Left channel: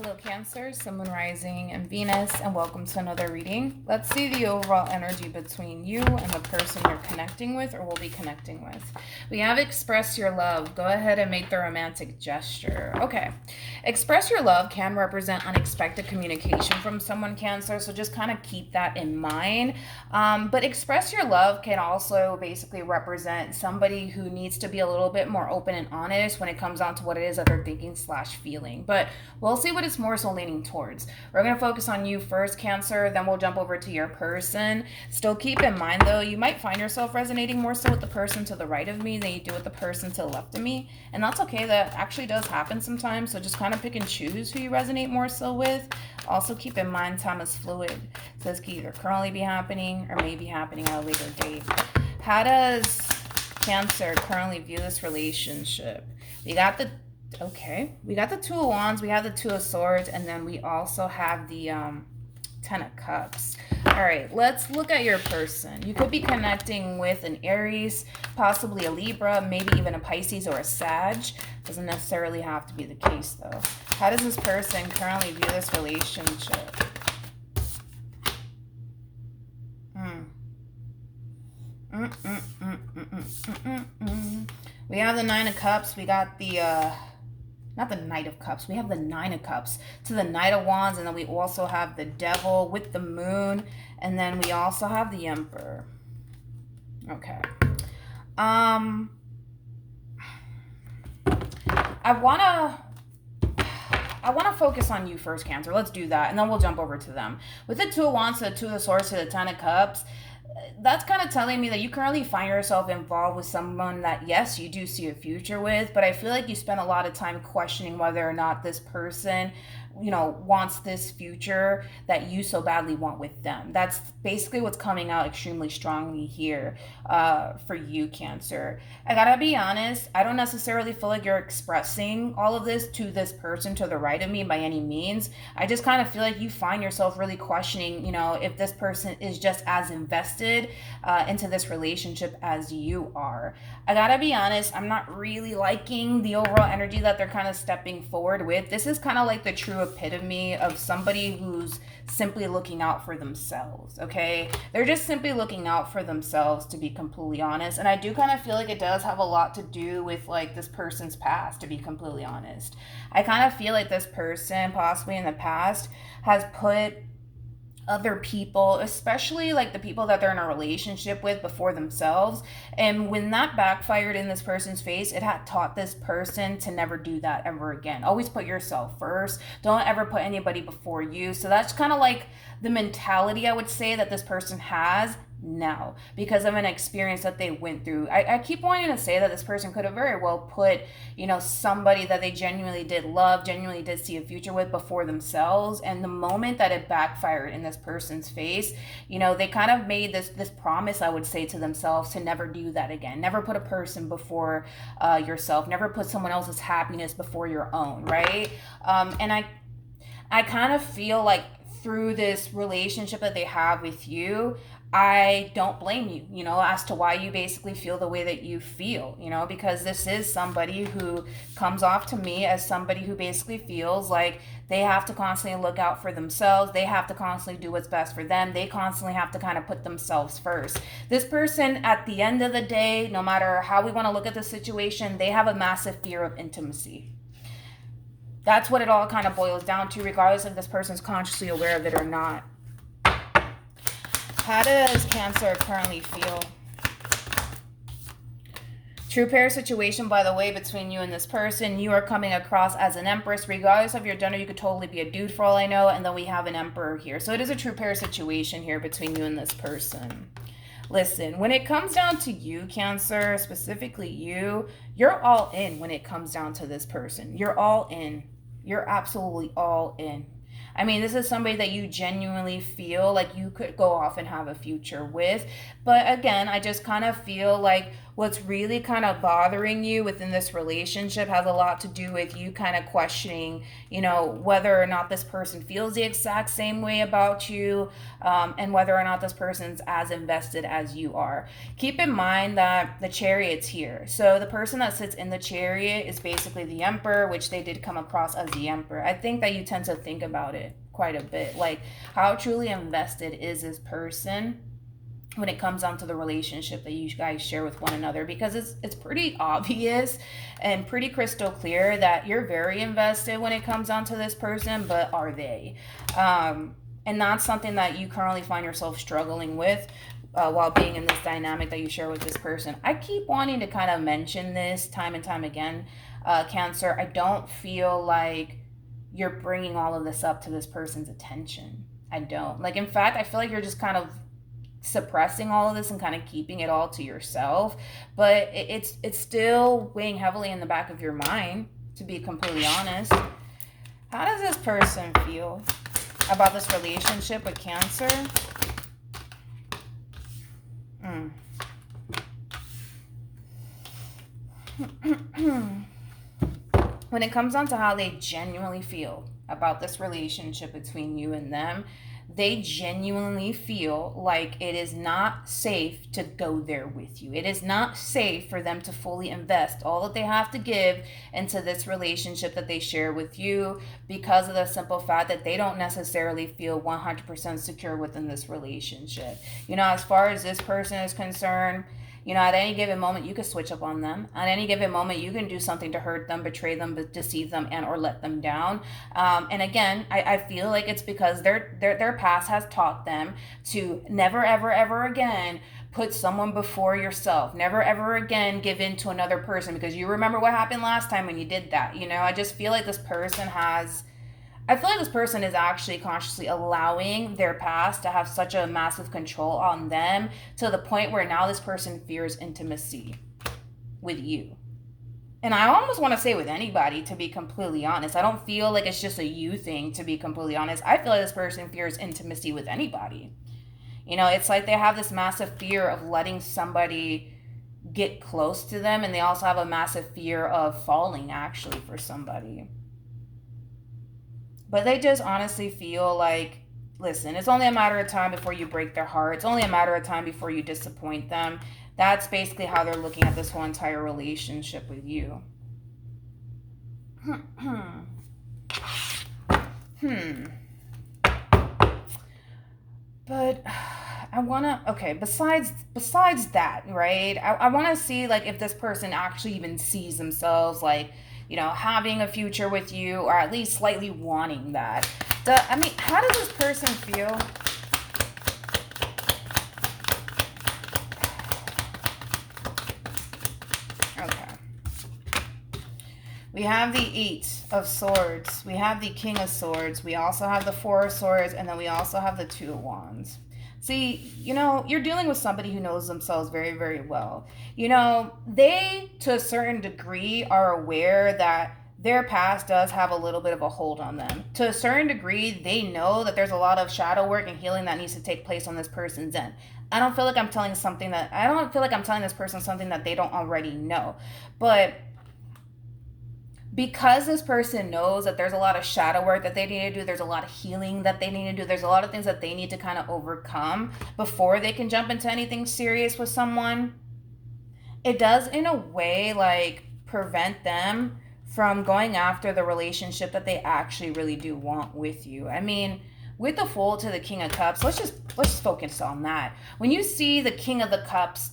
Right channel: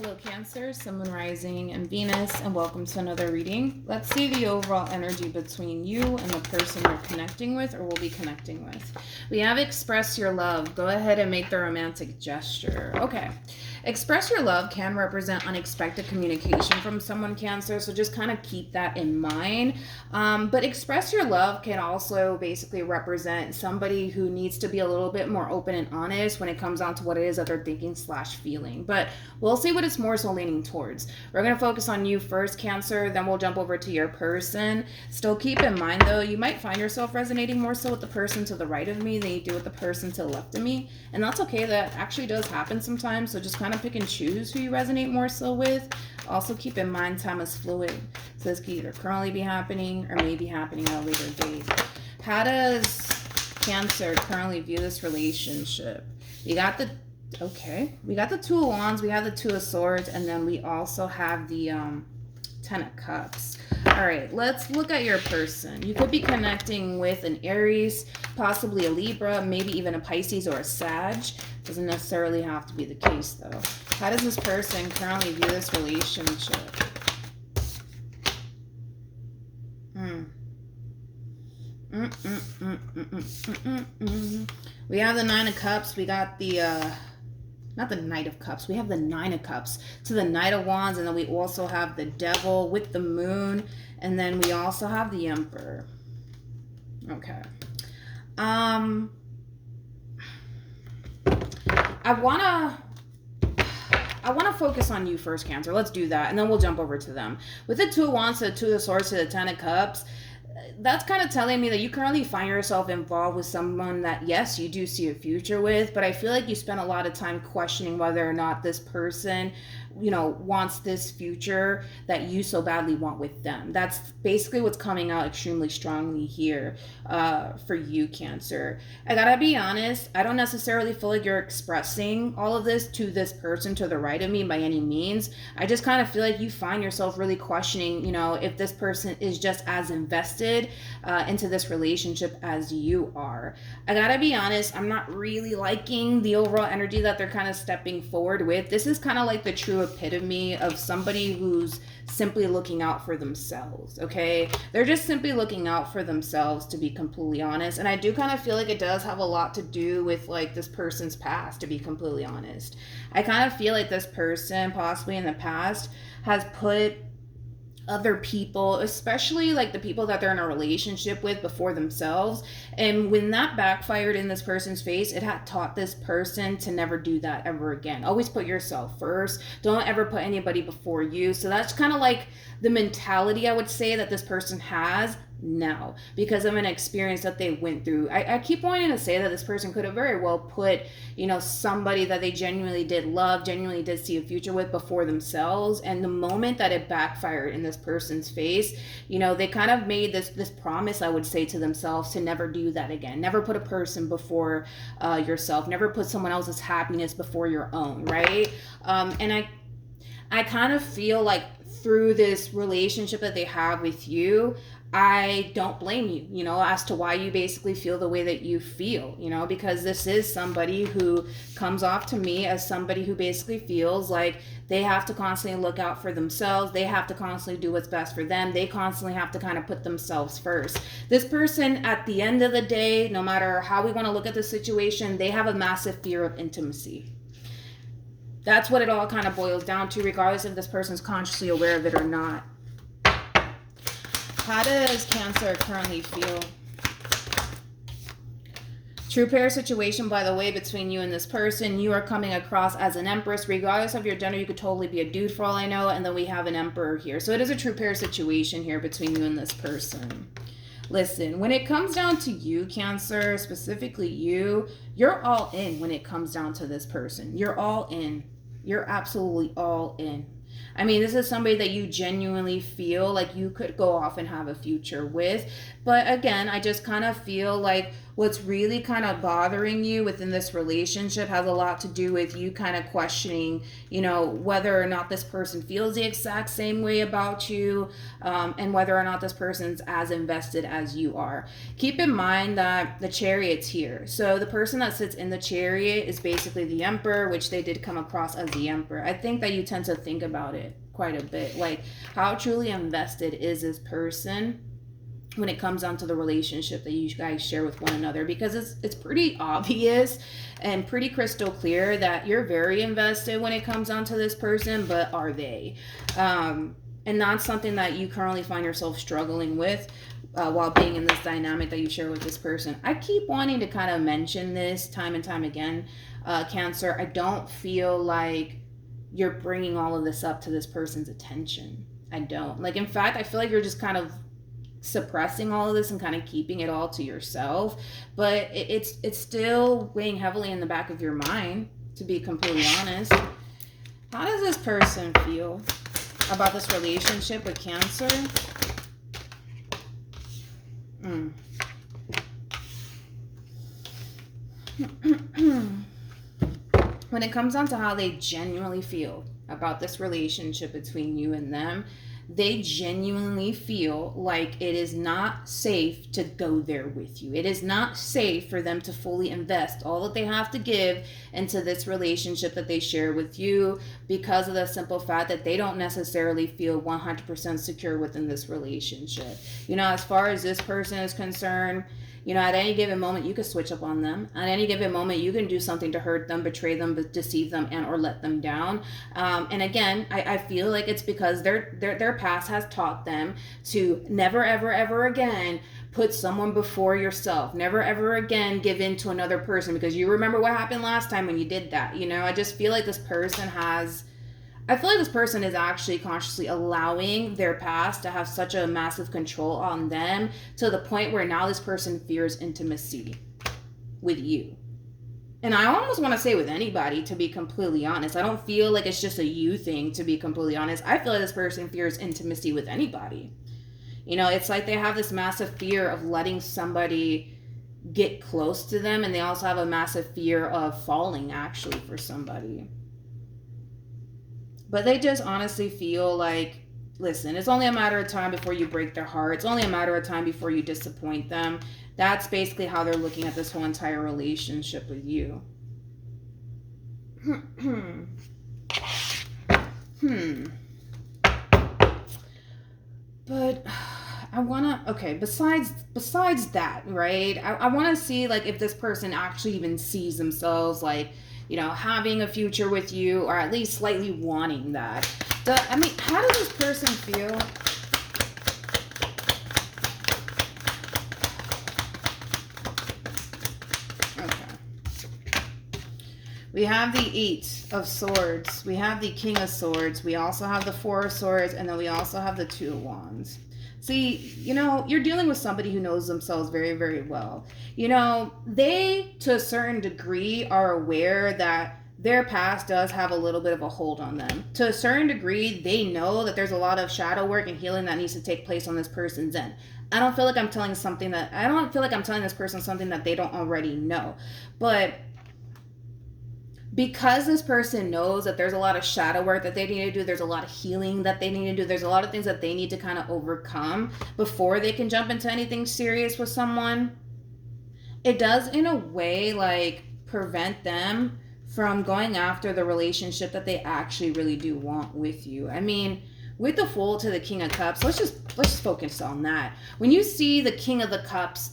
Hello Cancer, Sun, Moon, Rising, and Venus, and welcome to another reading. Let's see the overall energy between you and the person you're connecting with or will be connecting with. We have express your love. Go ahead and make the romantic gesture. Okay. Express your love can represent unexpected communication from someone, Cancer, so just kind of keep that in mind. But express your love can also basically represent somebody who needs to be a little bit more open and honest when it comes down to what it is that they're thinking / feeling. But we'll see what it's more so leaning towards. We're going to focus on you first, Cancer, then we'll jump over to your person. Still keep in mind, though, you might find yourself resonating more so with the person to the right of me than you do with the person to the left of me. And that's okay. That actually does happen sometimes. So just kind of pick and choose who you resonate more so with. Also keep in mind time is fluid. So this could either currently be happening or may be happening at a later date. How does Cancer currently view this relationship? We got the Two of Wands, we have the Two of Swords, and then we also have the Ten of Cups. All right, let's look at your person. You could be connecting with an Aries, possibly a Libra, maybe even a Pisces or a Sag. Doesn't necessarily have to be the case, though. How does this person currently view this relationship? We have the Nine of Cups. We got the not the Knight of Cups. We have the Nine of Cups to the Knight of Wands, and then we also have the Devil with the Moon, and then we also have the Emperor. Okay. I wanna focus on you first, Cancer. Let's do that, and then we'll jump over to them. With the Two of Wands to the Two of Swords to the Ten of Cups, that's kind of telling me that you currently find yourself involved with someone that, yes, you do see a future with, but I feel like you spend a lot of time questioning whether or not this person, wants this future that you so badly want with them. That's basically what's coming out extremely strongly here for you, Cancer. I gotta be honest, I don't necessarily feel like you're expressing all of this to this person to the right of me by any means. I just kind of feel like you find yourself really questioning, if this person is just as invested into this relationship as you are. I gotta be honest, I'm not really liking the overall energy that they're kind of stepping forward with. This is kind of like the true epitome of somebody who's simply looking out for themselves, okay? They're just simply looking out for themselves, to be completely honest. And I do kind of feel like it does have a lot to do with like this person's past, to be completely honest. I kind of feel like this person possibly in the past has put other people, especially like the people that they're in a relationship with, before themselves. And when that backfired in this person's face, it had taught this person to never do that ever again. Always put yourself first. Don't ever put anybody before you. So that's kind of like the mentality, I would say, that this person has now because of an experience that they went through. I keep wanting to say that this person could have very well put, somebody that they genuinely did love, genuinely did see a future with before themselves. And the moment that it backfired in this person's face, they kind of made this promise, I would say, to themselves to never do that again. Never put a person before yourself. Never put someone else's happiness before your own, right? And I kind of feel like through this relationship that they have with you, I don't blame you, as to why you basically feel the way that you feel, because this is somebody who comes off to me as somebody who basically feels like they have to constantly look out for themselves. They have to constantly do what's best for them. They constantly have to kind of put themselves first. This person, at the end of the day, no matter how we want to look at the situation, they have a massive fear of intimacy. That's what it all kind of boils down to, regardless if this person's consciously aware of it or not. How does Cancer currently feel? True pair situation, by the way, between you and this person. You are coming across as an Empress. Regardless of your gender, you could totally be a dude for all I know. And then we have an Emperor here. So it is a true pair situation here between you and this person. Listen, when it comes down to you, Cancer, specifically you're all in when it comes down to this person. You're all in. You're absolutely all in. I mean, this is somebody that you genuinely feel like you could go off and have a future with. But again, I just kind of feel like what's really kind of bothering you within this relationship has a lot to do with you kind of questioning, whether or not this person feels the exact same way about you, and whether or not this person's as invested as you are. Keep in mind that the Chariot's here. So the person that sits in the Chariot is basically the Emperor, which they did come across as the Emperor. I think that you tend to think about it quite a bit. Like, how truly invested is this person when it comes down to the relationship that you guys share with one another? Because it's pretty obvious and pretty crystal clear that you're very invested when it comes down to this person, but are they? And that's something that you currently find yourself struggling with while being in this dynamic that you share with this person. I keep wanting to kind of mention this time and time again, Cancer. I don't feel like you're bringing all of this up to this person's attention. I don't. Like, in fact, I feel like you're just kind of suppressing all of this and kind of keeping it all to yourself, but it's still weighing heavily in the back of your mind, to be completely honest. How does this person feel about this relationship with Cancer? When it comes down to how they genuinely feel about this relationship between you and them, they genuinely feel like it is not safe to go there with you. It is not safe for them to fully invest all that they have to give into this relationship that they share with you, because of the simple fact that they don't necessarily feel 100% secure within this relationship. As far as this person is concerned, at any given moment, you can switch up on them. At any given moment, you can do something to hurt them, betray them, deceive them, and or let them down. And again, I feel like it's because their past has taught them to never, ever, ever again put someone before yourself. Never, ever again give in to another person, because you remember what happened last time when you did that. I just feel like this person is actually consciously allowing their past to have such a massive control on them, to the point where now this person fears intimacy with you. And I almost want to say with anybody, to be completely honest. I don't feel like it's just a you thing, to be completely honest. I feel like this person fears intimacy with anybody. It's like they have this massive fear of letting somebody get close to them, and they also have a massive fear of falling actually for somebody. But they just honestly feel like, listen, it's only a matter of time before you break their heart. It's only a matter of time before you disappoint them. That's basically how they're looking at this whole entire relationship with you. But I want to, okay, besides that, right? I want to see, like, if this person actually even sees themselves, like, having a future with you, or at least slightly wanting that. How does this person feel? Okay. We have the Eight of Swords. We have the King of Swords. We also have the Four of Swords. And then we also have the Two of Wands. See, you're dealing with somebody who knows themselves very, very well. They, to a certain degree, are aware that their past does have a little bit of a hold on them. To a certain degree, they know that there's a lot of shadow work and healing that needs to take place on this person's end. I don't feel like I'm telling this person something that they don't already know. But because this person knows that there's a lot of shadow work that they need to do, there's a lot of healing that they need to do, there's a lot of things that they need to kind of overcome before they can jump into anything serious with someone, it does in a way like prevent them from going after the relationship that they actually really do want with you. With the Fool to the King of Cups, let's just focus on that. When you see the King of the Cups,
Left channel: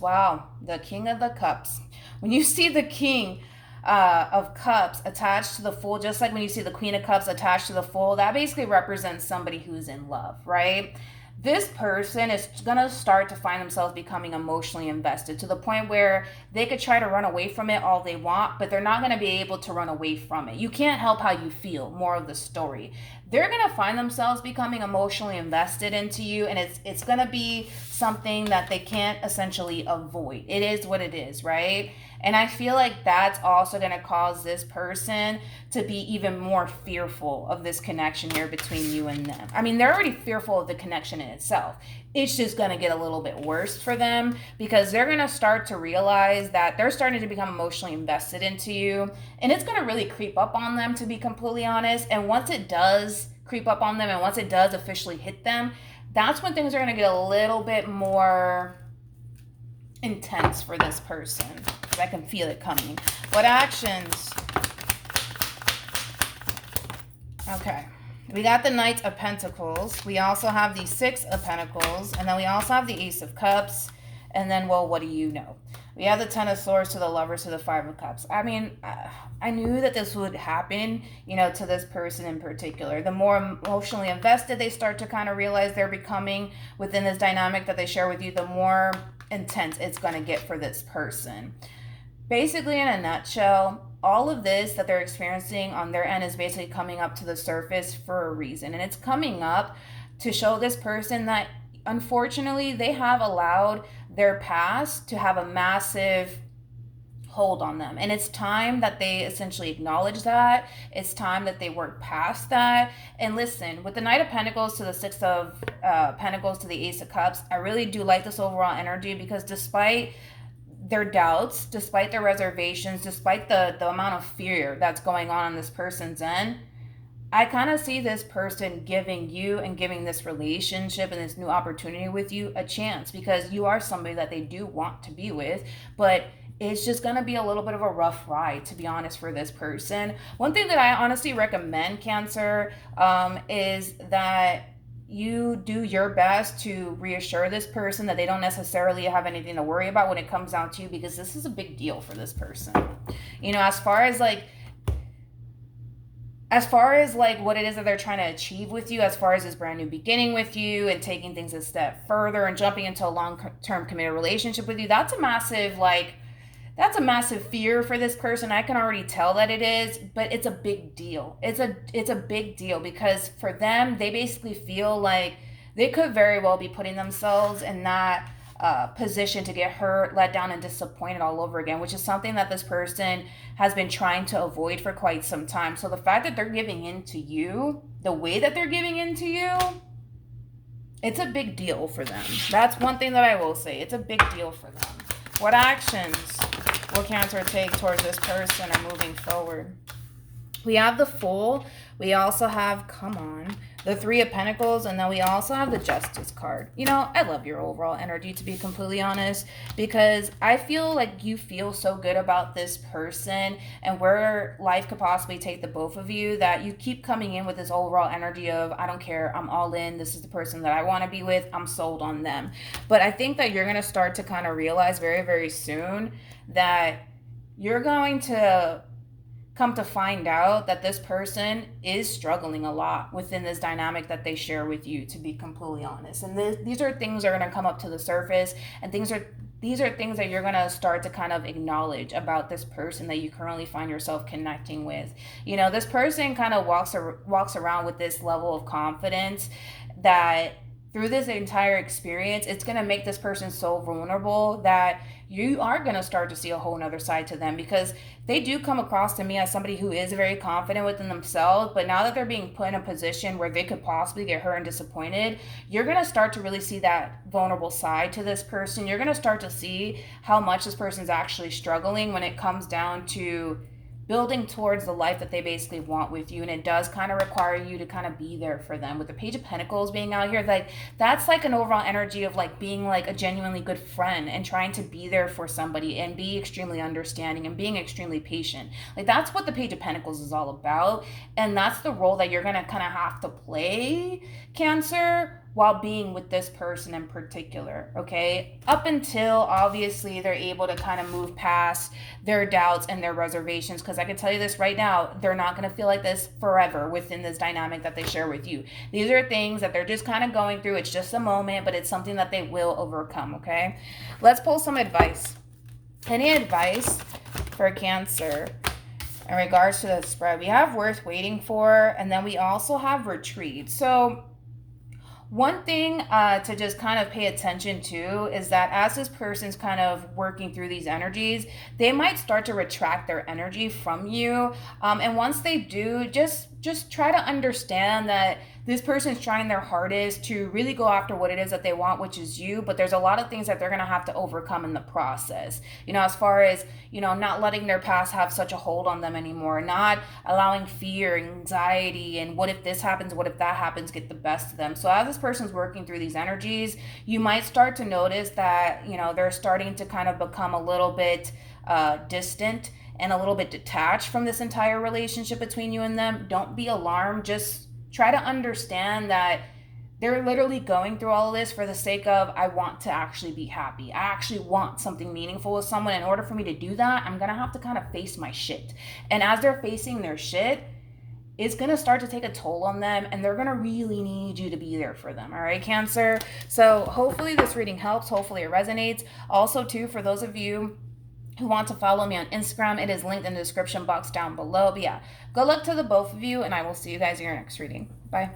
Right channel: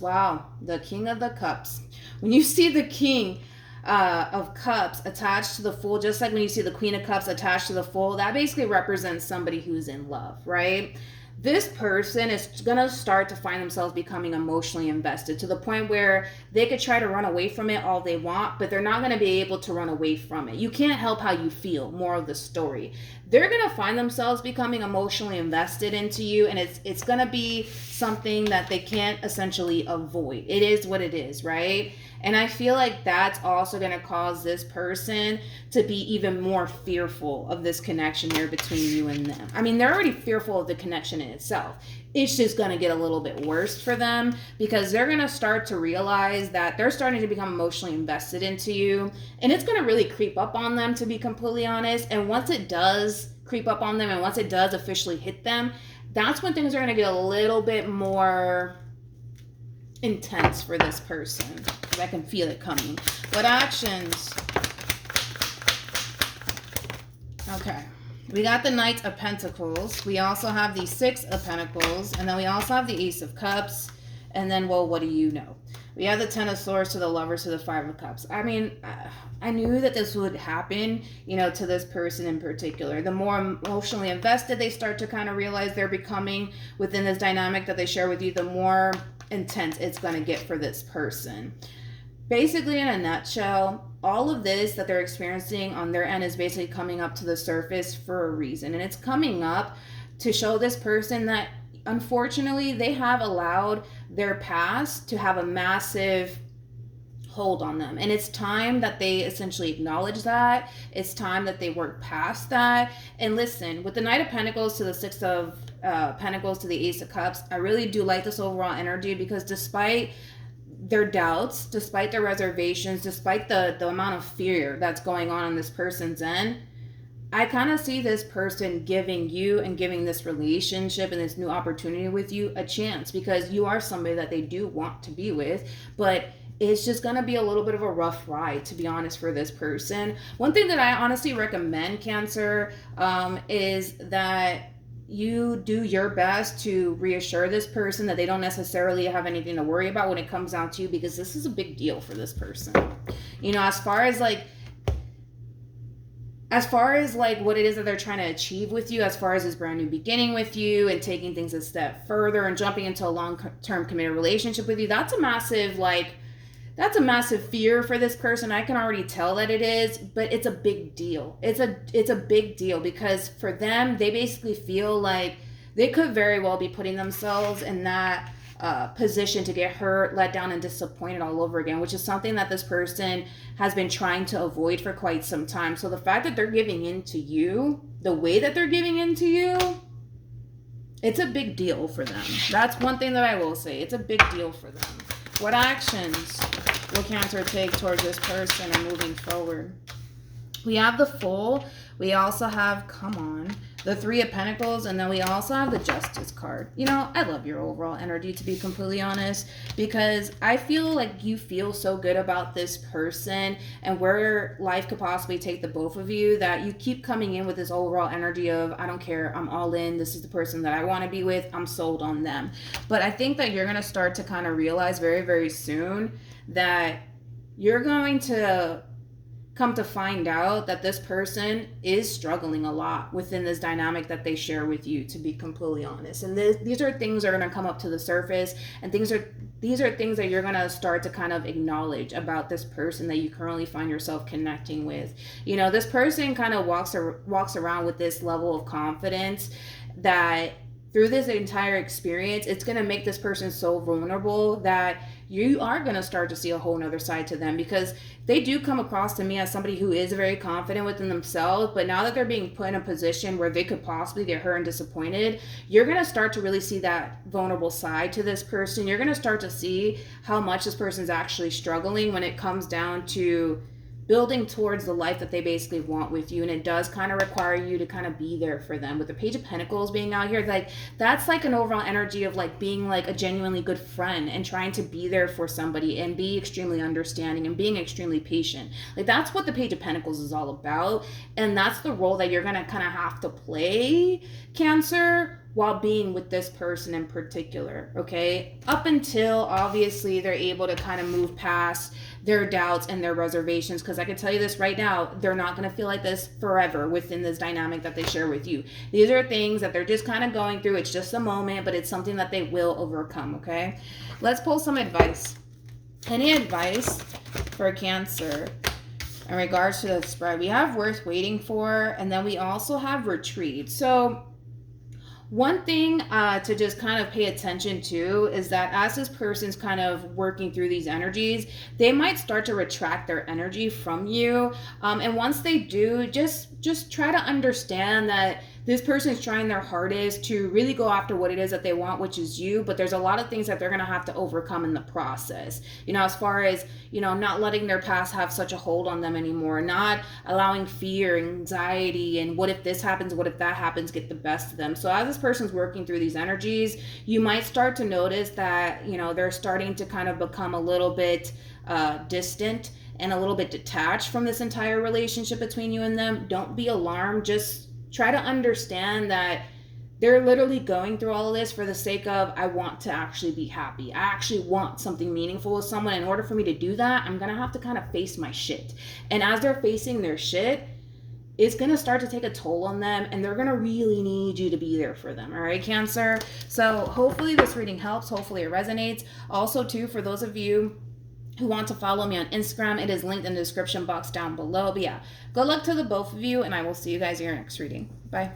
wow, the King of the Cups. When you see the King of Cups attached to the Fool, just like when you see the Queen of Cups attached to the Fool, that basically represents somebody who's in love, right? This person is going to start to find themselves becoming emotionally invested, to the point where they could try to run away from it all they want, but they're not going to be able to run away from it. You can't help how you feel, more of the story. They're going to find themselves becoming emotionally invested into you, and it's going to be something that they can't essentially avoid. It is what it is, right? And I feel like that's also going to cause this person to be even more fearful of this connection here between you and them. I mean, they're already fearful of the connection in itself. It's just going to get a little bit worse for them because they're going to start to realize that they're starting to become emotionally invested into you. And it's going to really creep up on them, to be completely honest. And once it does creep up on them and once it does officially hit them, that's when things are going to get a little bit more intense for this person. Because I can feel it coming. What actions? Okay. We got the Knight of Pentacles. We also have the Six of Pentacles. And then we also have the Ace of Cups. And then, well, what do you know? We have the Ten of Swords to the Lovers to the Five of Cups. I mean, I knew that this would happen, you know, to this person in particular. The more emotionally invested they start to kind of realize they're becoming within this dynamic that they share with you, the more intense it's going to get for this person. Basically, in a nutshell, all of this that they're experiencing on their end is basically coming up to the surface for a reason. And it's coming up to show this person that, unfortunately, they have allowed their past to have a massive hold on them. And it's time that they essentially acknowledge that. It's time that they work past that. And listen, with the Knight of Pentacles to the Six of Pentacles to the Ace of Cups, I really do like this overall energy because despite their doubts, despite their reservations, despite the amount of fear that's going on this person's end, I kind of see this person giving you and giving this relationship and this new opportunity with you a chance because you are somebody that they do want to be with, but it's just going to be a little bit of a rough ride, to be honest, for this person. One thing that I honestly recommend, Cancer, is that you do your best to reassure this person that they don't necessarily have anything to worry about when it comes down to you, because this is a big deal for this person. You know, as far as what it is that they're trying to achieve with you, as far as this brand new beginning with you and taking things a step further and jumping into a long-term committed relationship with you, that's a massive fear for this person. I can already tell that it is, but it's a big deal. It's a big deal because for them, they basically feel like they could very well be putting themselves in that position to get hurt, let down, and disappointed all over again, which is something that this person has been trying to avoid for quite some time. So the fact that they're giving in to you, the way that they're giving in to you, it's a big deal for them. That's one thing that I will say. It's a big deal for them. What actions will Cancer take towards this person and moving forward? We have the Fool. We also have, the Three of Pentacles, and then we also have the Justice card. You know, I love your overall energy, to be completely honest, because I feel like you feel so good about this person and where life could possibly take the both of you that you keep coming in with this overall energy of, I don't care, I'm all in, this is the person that I want to be with, I'm sold on them. But I think that you're going to start to kind of realize very, very soon that you're going to come to find out that this person is struggling a lot within this dynamic that they share with you, to be completely honest. And these are things that are going to come up to the surface, and these are things that you're going to start to kind of acknowledge about this person that you currently find yourself connecting with. You know, this person kind of walks around with this level of confidence that through this entire experience, it's going to make this person so vulnerable that you are going to start to see a whole nother side to them, because they do come across to me as somebody who is very confident within themselves, but now that they're being put in a position where they could possibly get hurt and disappointed, you're going to start to really see that vulnerable side to this person. You're going to start to see how much this person's actually struggling when it comes down to building towards the life that they basically want with you. And it does kind of require you to kind of be there for them. With the Page of Pentacles being out here, like that's like an overall energy of like being like a genuinely good friend and trying to be there for somebody and be extremely understanding and being extremely patient. Like that's what the Page of Pentacles is all about. And that's the role that you're going to kind of have to play, Cancer, while being with this person in particular, okay? Up until, obviously, they're able to kind of move past their doubts and their reservations, because I can tell you this right now, they're not going to feel like this forever within this dynamic that they share with you. These are things that they're just kind of going through. It's just a moment, but it's something that they will overcome, okay? Let's pull some advice. Any advice for Cancer in regards to the spread? We have Worth Waiting For, and then we also have Retreat. So One thing to just kind of pay attention to is that as this person's kind of working through these energies, they might start to retract their energy from you. And once they do, just try to understand that this person's trying their hardest to really go after what it is that they want, which is you, but there's a lot of things that they're going to have to overcome in the process. As far as, not letting their past have such a hold on them anymore, not allowing fear, anxiety, and what if this happens, what if that happens, get the best of them. So as this person's working through these energies, you might start to notice that, they're starting to kind of become a little bit distant and a little bit detached from this entire relationship between you and them. Don't be alarmed. Just try to understand that they're literally going through all of this for the sake of, I want to actually be happy. I actually want something meaningful with someone. In order for me to do that, I'm going to have to kind of face my shit. And as they're facing their shit, it's going to start to take a toll on them, and they're going to really need you to be there for them. All right, Cancer? So hopefully this reading helps. Hopefully it resonates. Also, too, for those of you who want to follow me on Instagram, it is linked in the description box down below. But yeah, good luck to the both of you, and I will see you guys in your next reading. Bye.